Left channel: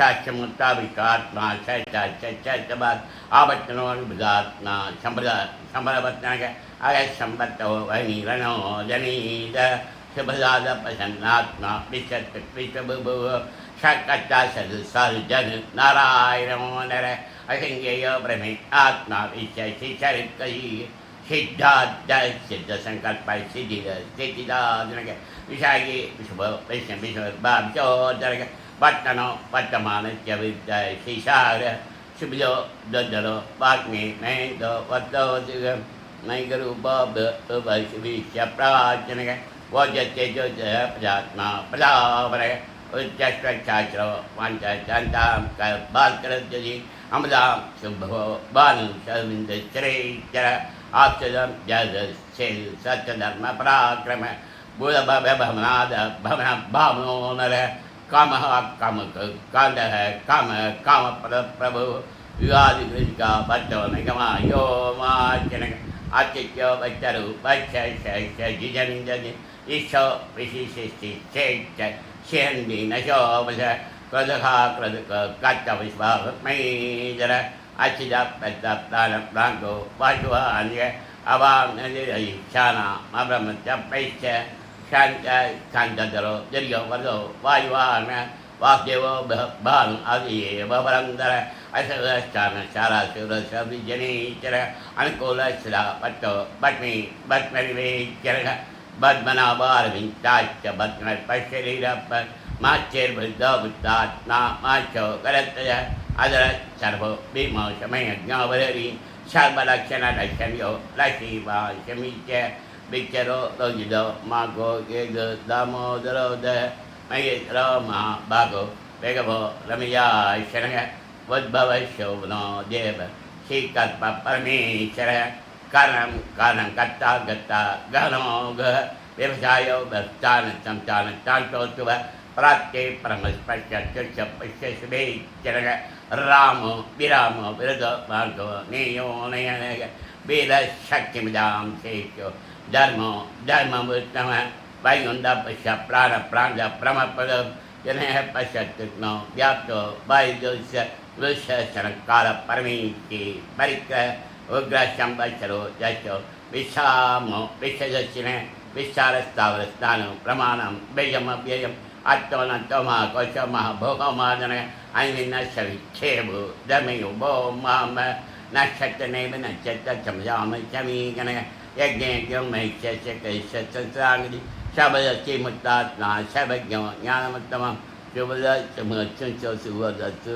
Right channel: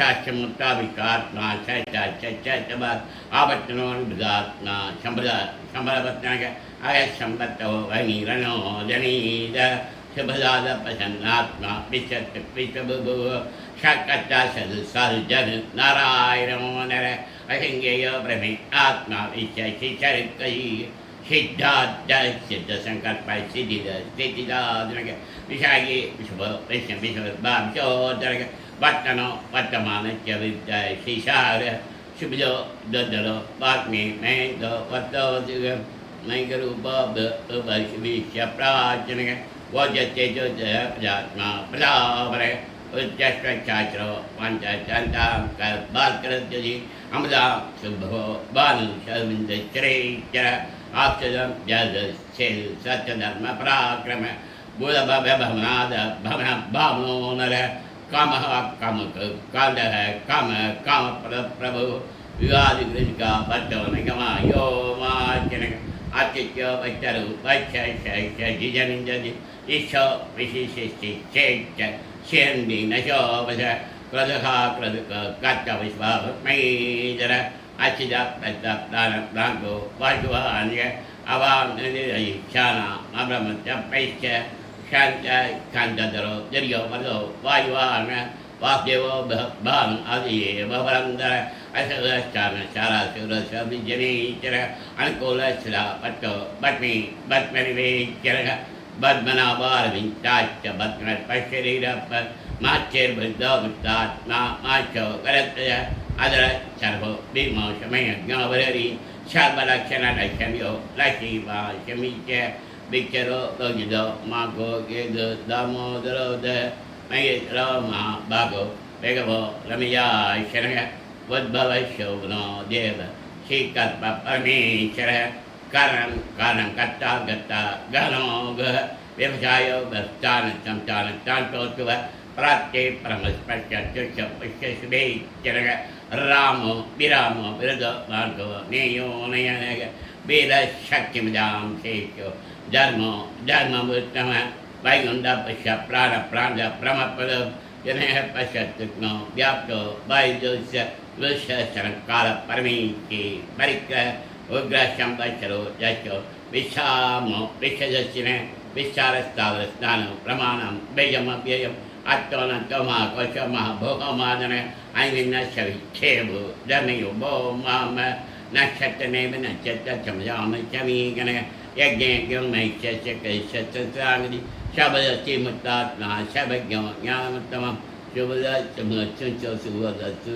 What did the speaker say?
शास्त्रमुत्ताविकात्मा चैतबाद आवर्तनोन्भुदात्मा संभ्रवत्नाग आय संबत्तो वनीरणो जनीद शुभदाद प्रसन्नात्मा विशत विश्वभुभु शकता सदसर्जन नारायणो नर अहिंगेय ब्रह्मे आत्मा विशेषि चरित्रै सिद्धार्थ सिद्ध संकल्प सिद्धिदानक विषाये विश्व वैष्ण विश्व बाबचोदरक वर्तनो वर्तमान च विद्या शिशार शुभजो ददरो वाग्मे में दो वतो दिगम नैगरु बाब वैश्विष्य प्राचनक वजते जो प्रजात्मा प्रजावर उच्चस्वच्छाचरो पंचचंताम बालकृत्यजी अमदा शुभो बाल शर्मिंद चरेचर आपसदम जद सेल सत्यधर्म पराक्रम बुध भव्य भवनाद भवन भावनो नर काम काम काल है काम प्रभु विवाद गृह का बच्चों निगमा यो माचनक आतिथ्य बच्चरु बच्च जिजनिंजनि ईशो विशिष्टि चेत शेंदी नशो बस क्रदखा क्रदक काचा विश्वास में जरा अचिदा प्रताप प्रांगो वाजुवान्य अवाम नदिरई शाना अब्रह्म चपैश्च शांत शांतदरो दरियो वरदो वायुवान वासुदेवो भानु आदि वरंदर असरस्थान शाला सुरस विजनीचर अनुकूल शिला पट्टो बट्मी बट्मरिवेचर बद्मनाभार विंताच बद्मन पशरीरप माचेर बुद्धो बुद्धात्मा माचो करतय अदर सर्व भीमो समय ज्ञावरी सर्वलक्षण लक्ष्म्यो लक्ष्मीवा शमीच विचरो लोजिदो मागो गेद दामोदरो द महेश्वरो महाभागो वेगवो रमया शरय उद्भव शोभनो देव श्रीकल्प परमेश्वर कारण कर्ता गता गहनो गह व्यवसायो स्थान संचान तांतोत्व प्राच्ये परमस्पर्श चुष पुष्य शुभे चरग रामो विरामो विरद मार्गो नेयो नयन वीर शक्ति मजाम शेषो धर्मो धर्मवृत्तम वैकुंठ पश्य प्राण प्राण प्रमपद जनः पश्यत्नो व्याप्तो वायुजोस्य वृषशरकाल परमेश्वरी परिक्रह उग्र शंबशरो यशो विषामो विषजस्यने विचारस्तावर स्नान प्रमाणम व्ययम व्ययम अत्तोनत्तमा कोशमः भोगमादन ऐमिन शविच्छेभु दमयो भो माम नक्षत्रनेव नक्षत्र चमजाम चमीगण यज्ञे मैक्ष्यस्य कैश्यत्रांगि शबदस्ति मुक्तात्मा शबज्ञो ज्ञानमुत्तमं शुभदस्समुच्चो सुवदस्तु